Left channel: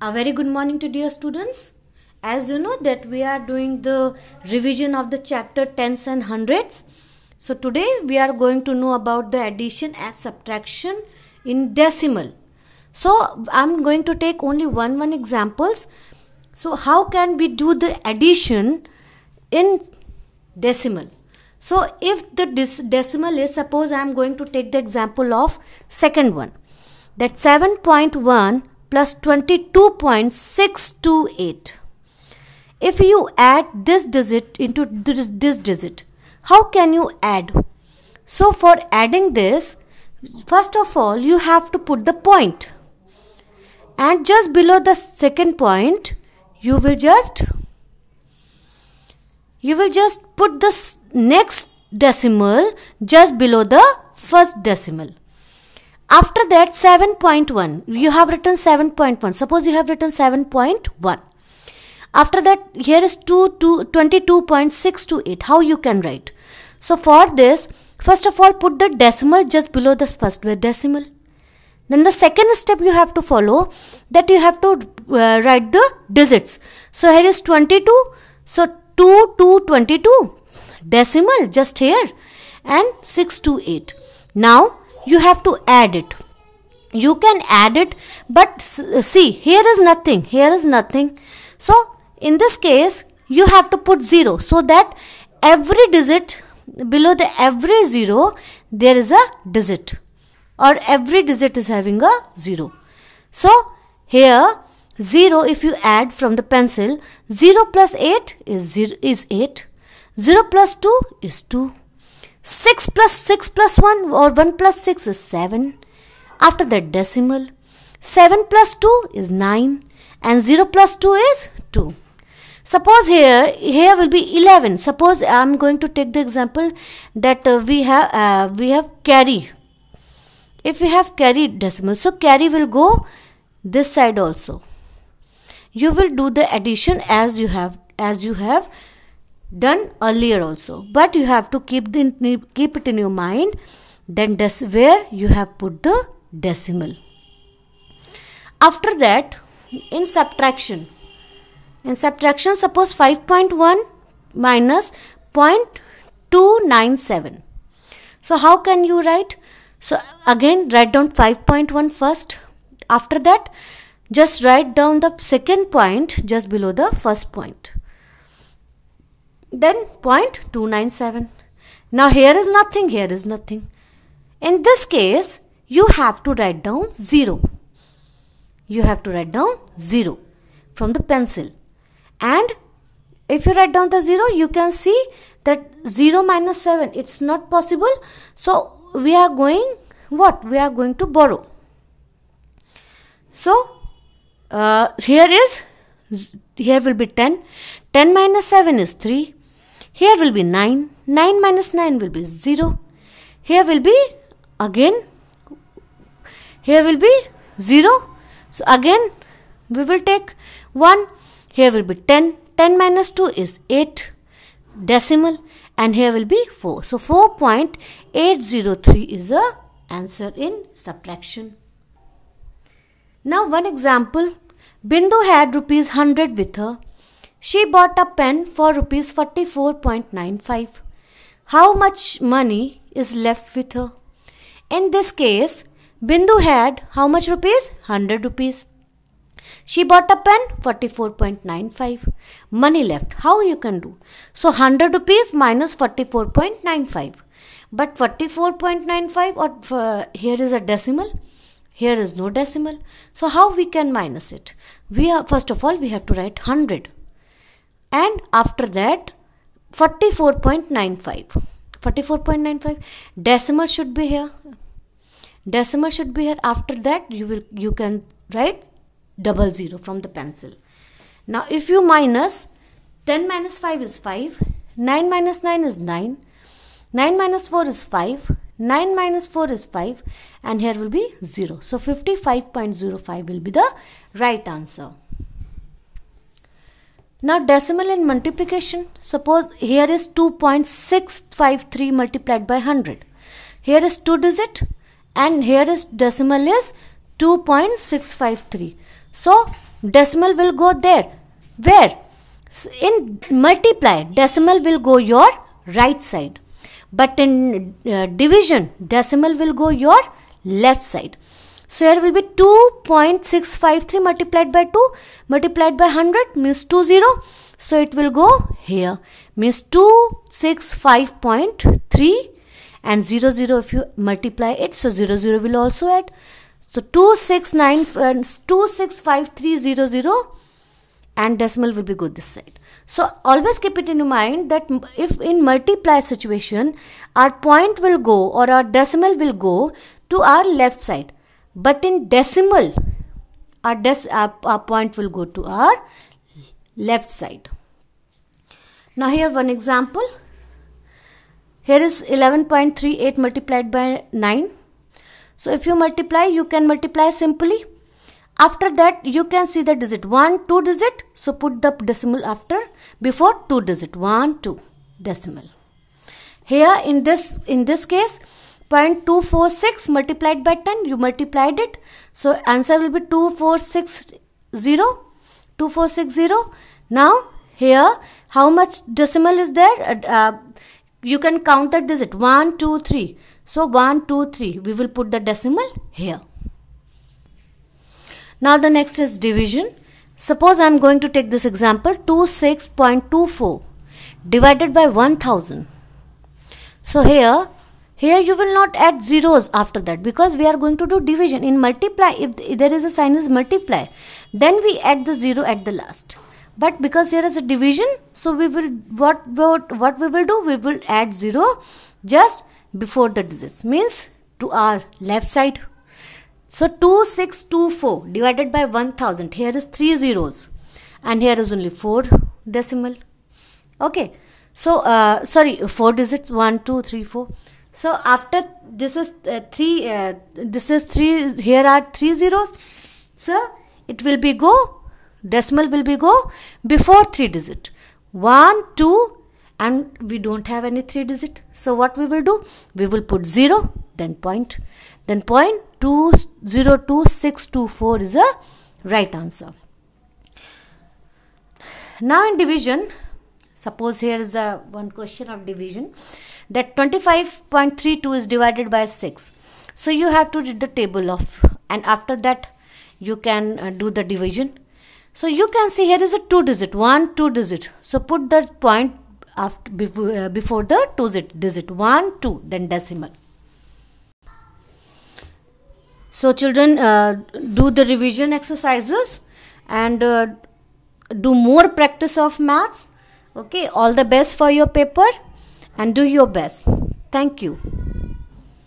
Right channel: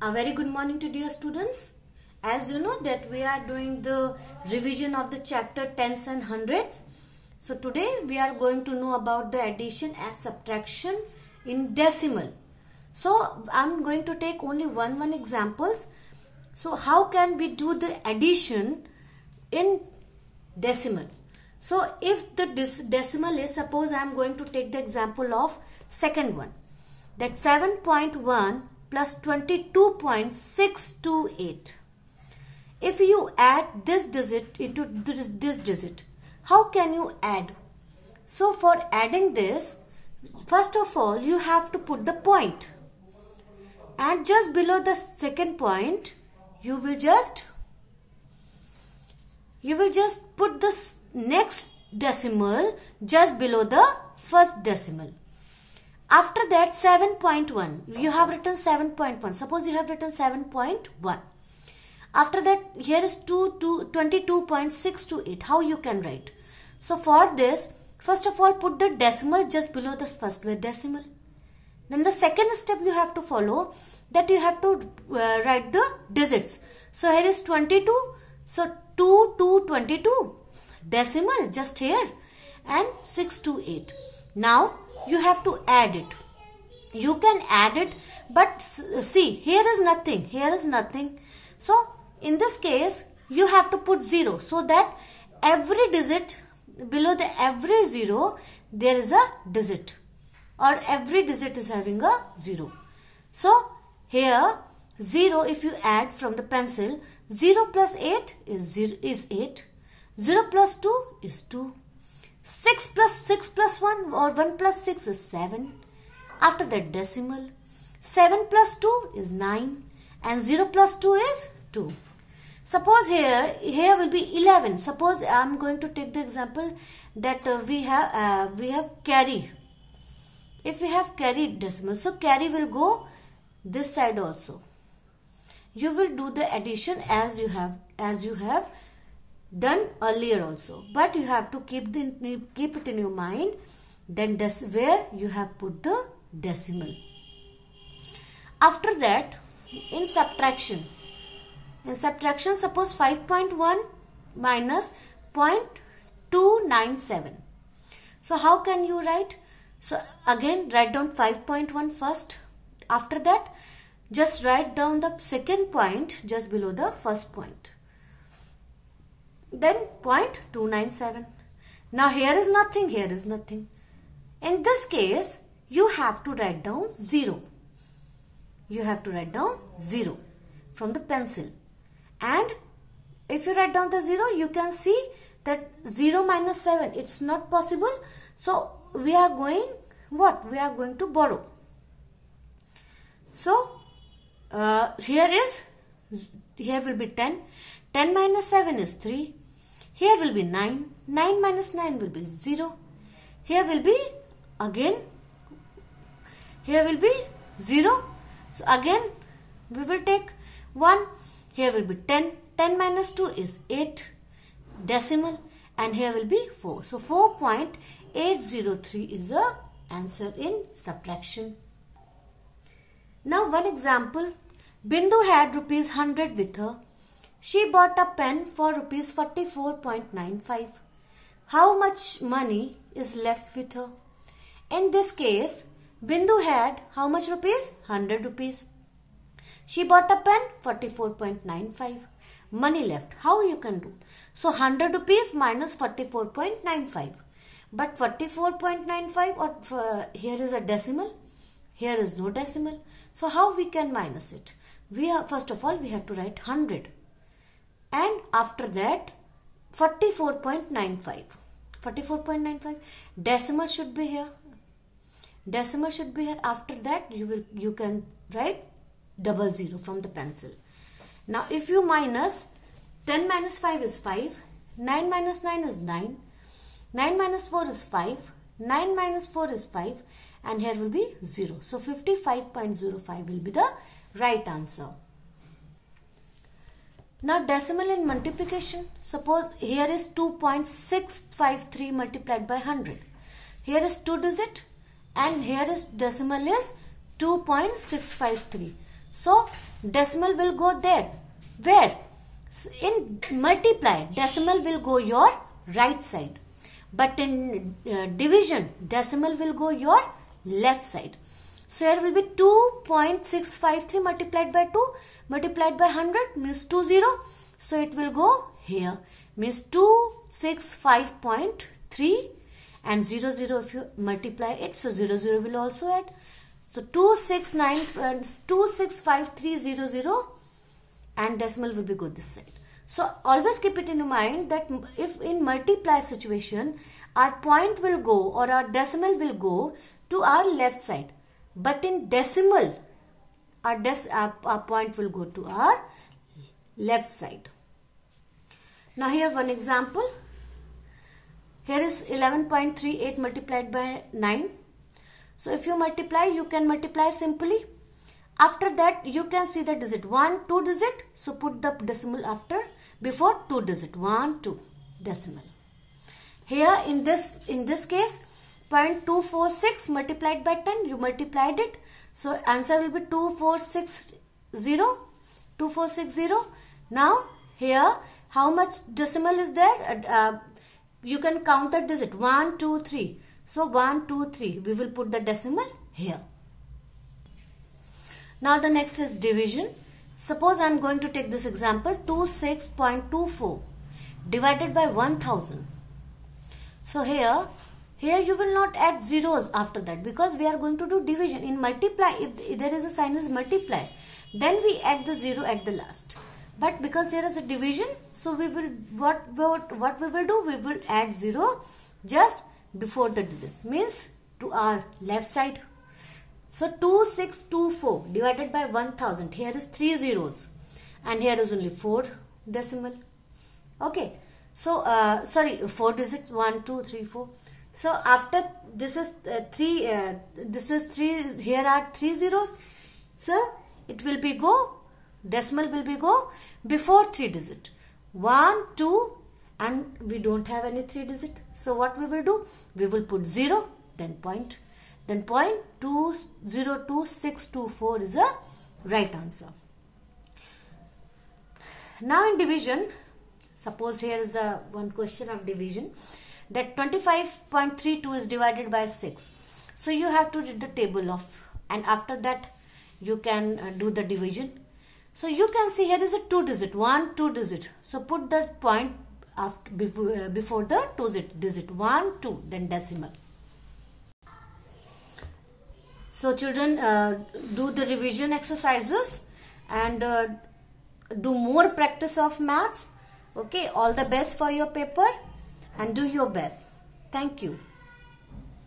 A very good morning to dear students. As you know that we are doing the revision of the chapter tens and hundreds. So today we are going to know about the addition and subtraction in decimal. So I'm going to take only one examples. So how can we do the addition in decimal? So if the decimal is, suppose I'm going to take the example of second one, that 7.1 plus 22.628. If you add this digit into this digit, how can you add? So for adding this, first of all you have to put the point, and just below the second point you will just put the next decimal just below the first decimal. After that 7.1, you have written 7.1. Suppose you have written 7.1. After that here is 22.628. How you can write? So for this, first of all put the decimal just below the first decimal. Then the second step you have to follow, that you have to write the digits. So here is 22. So 2 to 22. Decimal just here. And 628. Now you have to add it. You can add it, but see, here is nothing. Here is nothing. So in this case you have to put 0, so that every digit below the every 0 there is a digit, or every digit is having a 0. So here 0, if you add from the pencil, 0 plus 8 is 8. 0 plus 2 is 2. 6 plus 1 or 1 plus 6 is 7. After that decimal, 7 plus 2 is 9, and 0 plus 2 is 2. Suppose here will be 11. Suppose I am going to take the example that we have carry. If we have carry decimal, so carry will go this side also. You will do the addition as you have done earlier also, but you have to keep it in your mind, then where you have put the decimal. After that, in subtraction, suppose 5.1 minus 0.297. So how can you write? So again write down 5.1 first. After that just write down the second point just below the first point. Then 0.297. Now here is nothing, here is nothing. In this case, you have to write down 0. You have to write down 0 from the pencil. And if you write down the 0, you can see that 0 minus 7, it's not possible. So we are going, what? We are going to borrow. So here will be 10. 10 minus 7 is 3. Here will be 9. 9 minus 9 will be 0. Here will be 0. So again we will take 1. Here will be 10. 10 minus 2 is 8 decimal, and here will be 4. So 4.803 is the answer in subtraction. Now one example. Bindu had rupees 100 with her. She bought a pen for rupees 44.95. How much money is left with her? In this case, Bindu had how much rupees? 100 rupees. She bought a pen 44.95. Money left. How you can do? So 100 rupees minus 44.95. But 44.95, or here is a decimal. Here is no decimal. So how we can minus it? First of all we have to write 100. And after that 44.95. 44.95. Decimal should be here. Decimal should be here. After that you can write 00 from the pencil. Now if you minus, 10 minus 5 is 5. 9 minus 9 is 9. 9 minus 4 is 5. 9 minus 4 is 5. And here will be 0. So 55.05 will be the right answer. Now decimal in multiplication. Suppose here is 2.653 multiplied by 100. Here is 2 digit, and here is decimal is 2.653. So decimal will go there. Where? In multiply, decimal will go your right side. But in division, decimal will go your left side. So here will be 2.653 multiplied by 2 multiplied by 100 means 20. So it will go here, means 265.3, and 00 if you multiply it, so 00 will also add. So 265,300, and decimal will be go this side. So always keep it in mind that if in multiply situation our point will go or our decimal will go to our left side, but in decimal our point will go to our left side. Now here one example. Here is 11.38 multiplied by 9. So if you multiply, you can multiply simply. After that, you can see the digit 1, 2 digit. So put the decimal before 2 digit, 1, 2 decimal. Here in this case, 0.246 multiplied by 10, you multiplied it. So answer will be 2460. Now here, how much decimal is there? You can count the digit 1, 2, 3. So 1, 2, 3. We will put the decimal here. Now the next is division. Suppose I am going to take this example, 26.24 divided by 1000. So here you will not add zeros after that, because we are going to do division. In multiply, if there is a sign is multiply, then we add the 0 at the last. But because here is a division, so we will what we will do, we will add 0 just before the digits, means to our left side. So 2624 divided by 1000, here is 3 zeros and here is only 4 decimal. Okay, so 4 digits, 1, 2, 3, 4. So after this is 3, here are 3 zeros. So it will be go, decimal will be go before 3 digit, 1, 2, and we don't have any 3 digit. So what we will do, we will put 0, then point. Then 0.202624 is a right answer. Now in division, suppose here is one question of division, that 25.32 is divided by 6. So you have to read the table of, and after that you can do the division. So you can see here is a 2 digit, 1, 2 digit. So put the point after, before the 2 digit, 1, 2, then decimal. So children, do the revision exercises and do more practice of maths. Okay, all the best for your paper and do your best. Thank you.